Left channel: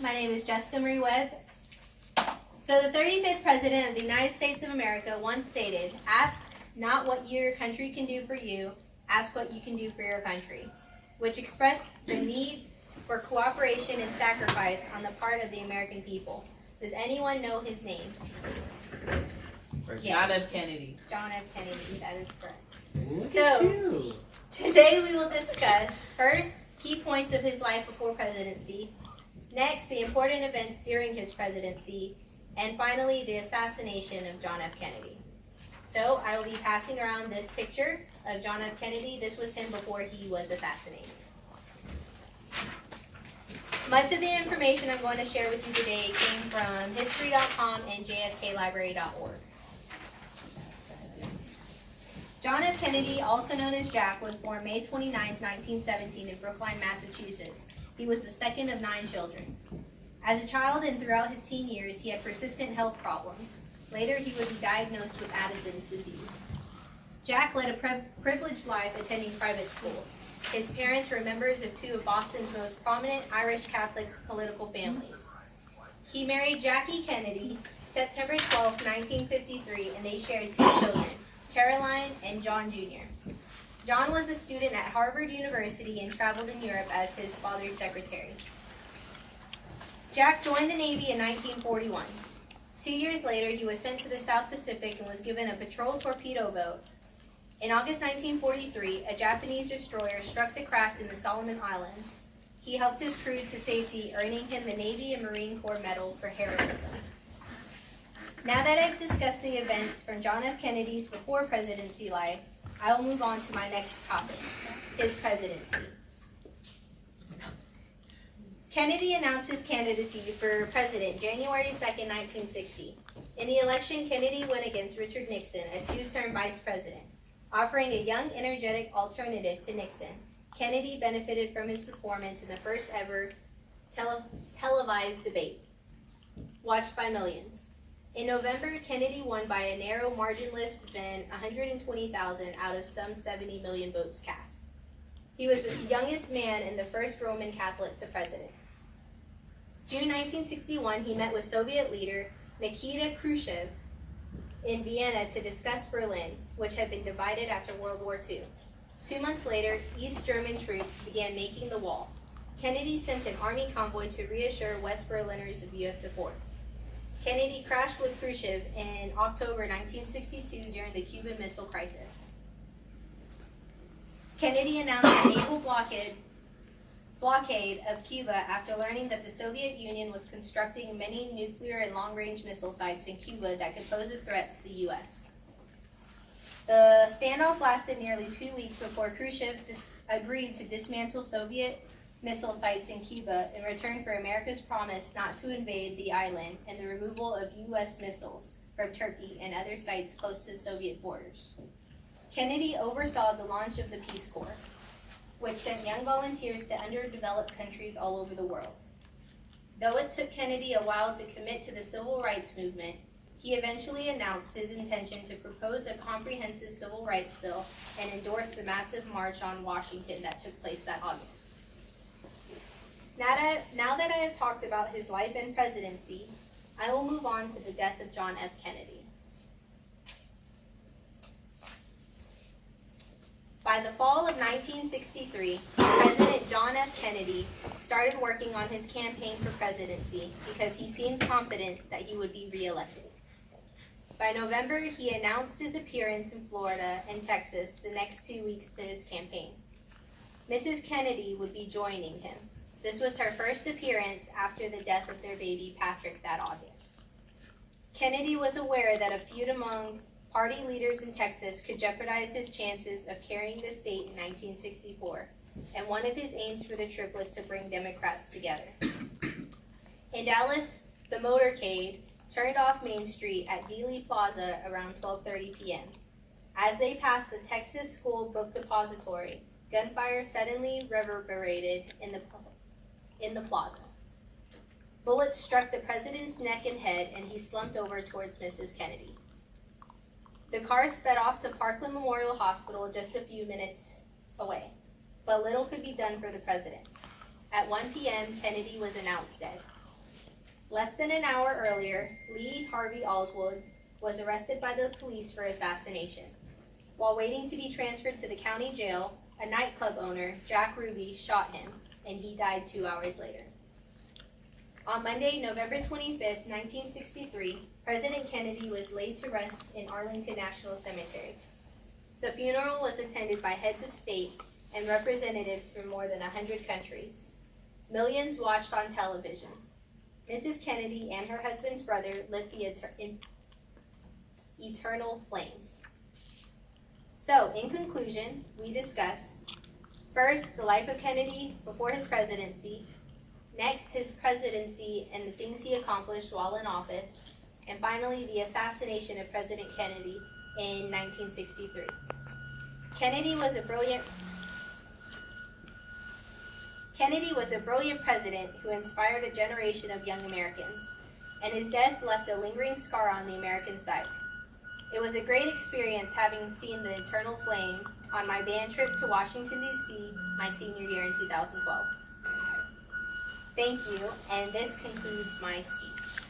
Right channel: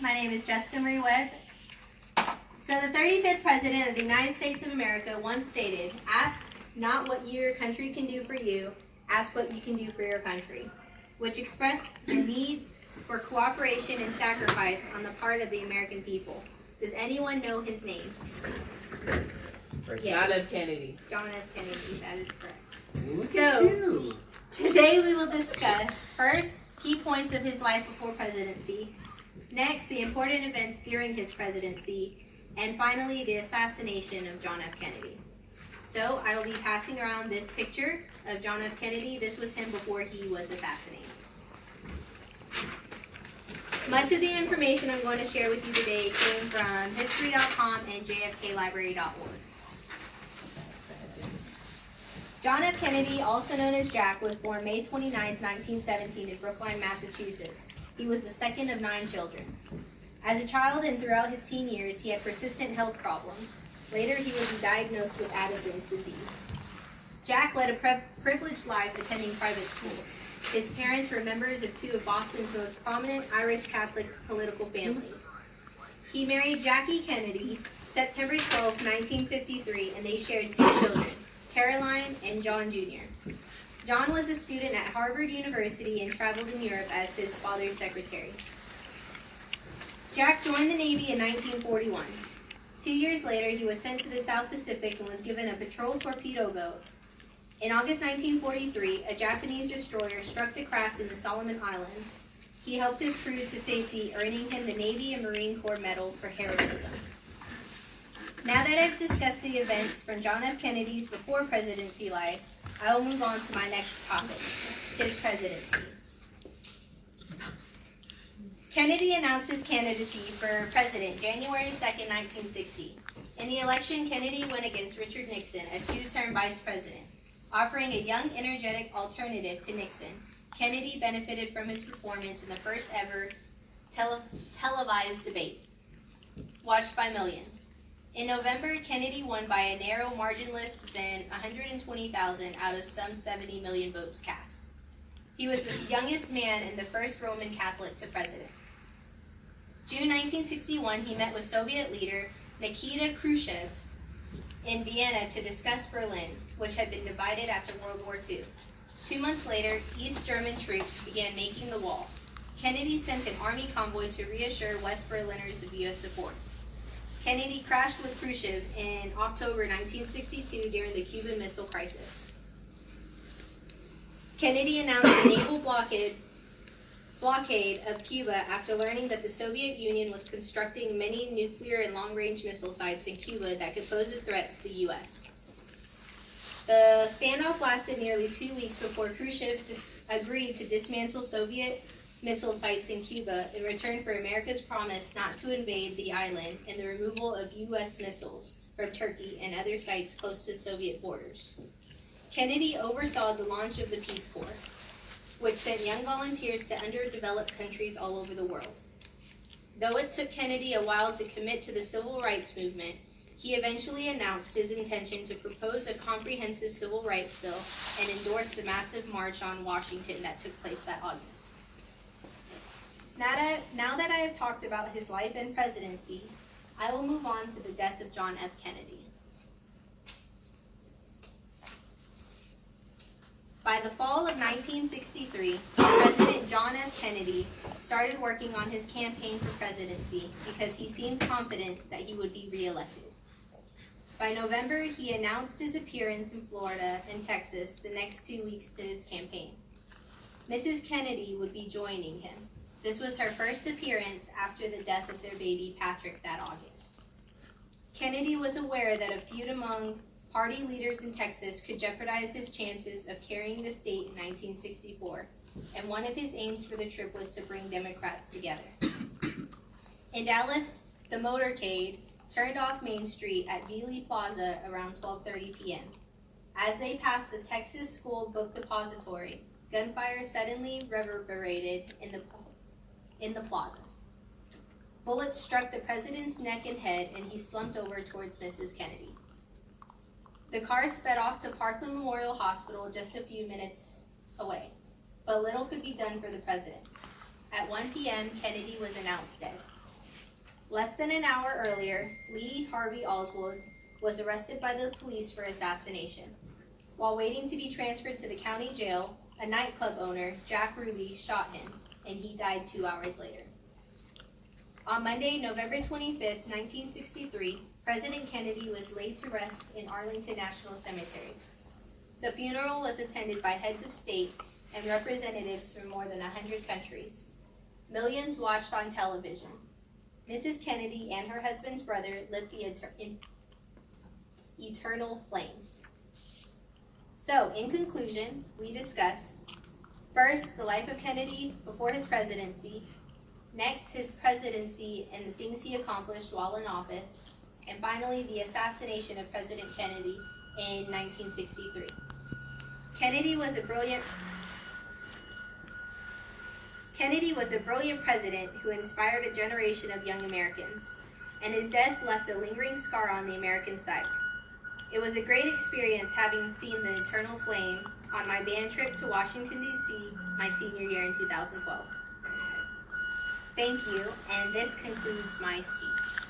My name is Jessica Marie Webb. So the 35th President of the United States of America once stated, "Ask not what your country can do for you, ask what you can do for your country," which expressed the need for cooperation and sacrifice on the part of the American people. Does anyone know his name? Yes. John F. Kennedy. John F. Kennedy, that is correct. Look So- at you. Today we will discuss, first, key points of his life before presidency, next, the important events during his presidency, and finally, the assassination of John F. Kennedy. So, I will be passing around this picture of John F. Kennedy. This was him before he was assassinated. Much of the information I'm going to share with you today came from history.com and jfklibrary.org. John F. Kennedy, also known as Jack, was born May 29, 1917 in Brookline, Massachusetts. He was the second of 9 children. As a child and throughout his teen years, he had persistent health problems. Later, he was diagnosed with Addison's disease. Jack led a privileged life attending private schools. His parents were members of 2 of Boston's most prominent Irish Catholic political families. He married Jackie Kennedy September 12, 1953, and they shared 2 children, Caroline and John Jr. John was a student at Harvard University and traveled in Europe as his father's secretary. Jack joined the Navy in 1941. 2 years later, he was sent to the South Pacific and was given a patrol torpedo boat. In August 1943, a Japanese destroyer struck the craft in the Solomon Islands. He helped his crew to safety, earning him the Navy and Marine Corps Medal for heroism. Now that I've discussed the events from John F. Kennedy's before presidency life, I will move on to my next topic, his presidency. Kennedy announced his candidacy for president January 2nd, 1960. In the election, Kennedy went against Richard Nixon, a 2-term vice president. Offering a young, energetic alternative to Nixon, Kennedy benefited from his performance in the first ever televised debate, watched by millions. In November, Kennedy won by a narrow margin less than 120,000 out of some 70 million votes cast. He was the youngest man and the first Roman Catholic to president. June 1961, he met with Soviet leader Nikita Khrushchev in Vienna to discuss Berlin, which had been divided after World War II. 2 months later, East German troops began making the wall. Kennedy sent an army convoy to reassure West Berliners of U.S. support. Kennedy crashed with Khrushchev in October 1962 during the Cuban Missile Crisis. Kennedy announced a naval blockade of Cuba after learning that the Soviet Union was constructing many nuclear and long-range missile sites in Cuba that could pose a threat to the U.S. The standoff lasted nearly 2 weeks before Khrushchev agreed to dismantle Soviet missile sites in Cuba in return for America's promise not to invade the island and the removal of U.S. missiles from Turkey and other sites close to Soviet borders. Kennedy oversaw the launch of the Peace Corps, which sent young volunteers to underdeveloped countries all over the world. Though it took Kennedy a while to commit to the civil rights movement, he eventually announced his intention to propose a comprehensive civil rights bill and endorse the massive march on Washington that took place that August. Now that I have talked about his life and presidency, I will move on to the death of John F. Kennedy. By the fall of 1963, President John F. Kennedy started working on his campaign for presidency because he seemed confident that he would be reelected. By November, he announced his appearance in Florida and Texas the next 2 weeks to his campaign. Mrs. Kennedy would be joining him. This was her first appearance after the death of their baby Patrick that August. Kennedy was aware that a feud among party leaders in Texas could jeopardize his chances of carrying the state in 1964, and one of his aims for the trip was to bring Democrats together. In Dallas, the motorcade turned off Main Street at Dealey Plaza around 12:30 p.m. As they passed the Texas School Book Depository, gunfire suddenly reverberated in the plaza. Bullets struck the president's neck and head, and he slumped over towards Mrs. Kennedy. The car sped off to Parkland Memorial Hospital just a few minutes away, but little could be done for the president. At 1 p.m., Kennedy was announced dead. Less than an hour earlier, Lee Harvey Oswald was arrested by the police for assassination. While waiting to be transferred to the county jail, a nightclub owner, Jack Ruby, shot him, and he died 2 hours later. On Monday, November 25th, 1963, President Kennedy was laid to rest in Arlington National Cemetery. The funeral was attended by heads of state and representatives from more than 100 countries. Millions watched on television. Mrs. Kennedy and her husband's brother lit the eternal flame. So, in conclusion, we discuss, first, the life of Kennedy before his presidency, next, his presidency and the things he accomplished while in office, and finally, the assassination of President Kennedy in 1963. Kennedy was a brilliant president who inspired a generation of young Americans, and his death left a lingering scar on the American side. It was a great experience having seen the eternal flame on my band trip to Washington, D.C. my senior year in 2012. Thank you, and this concludes my speech.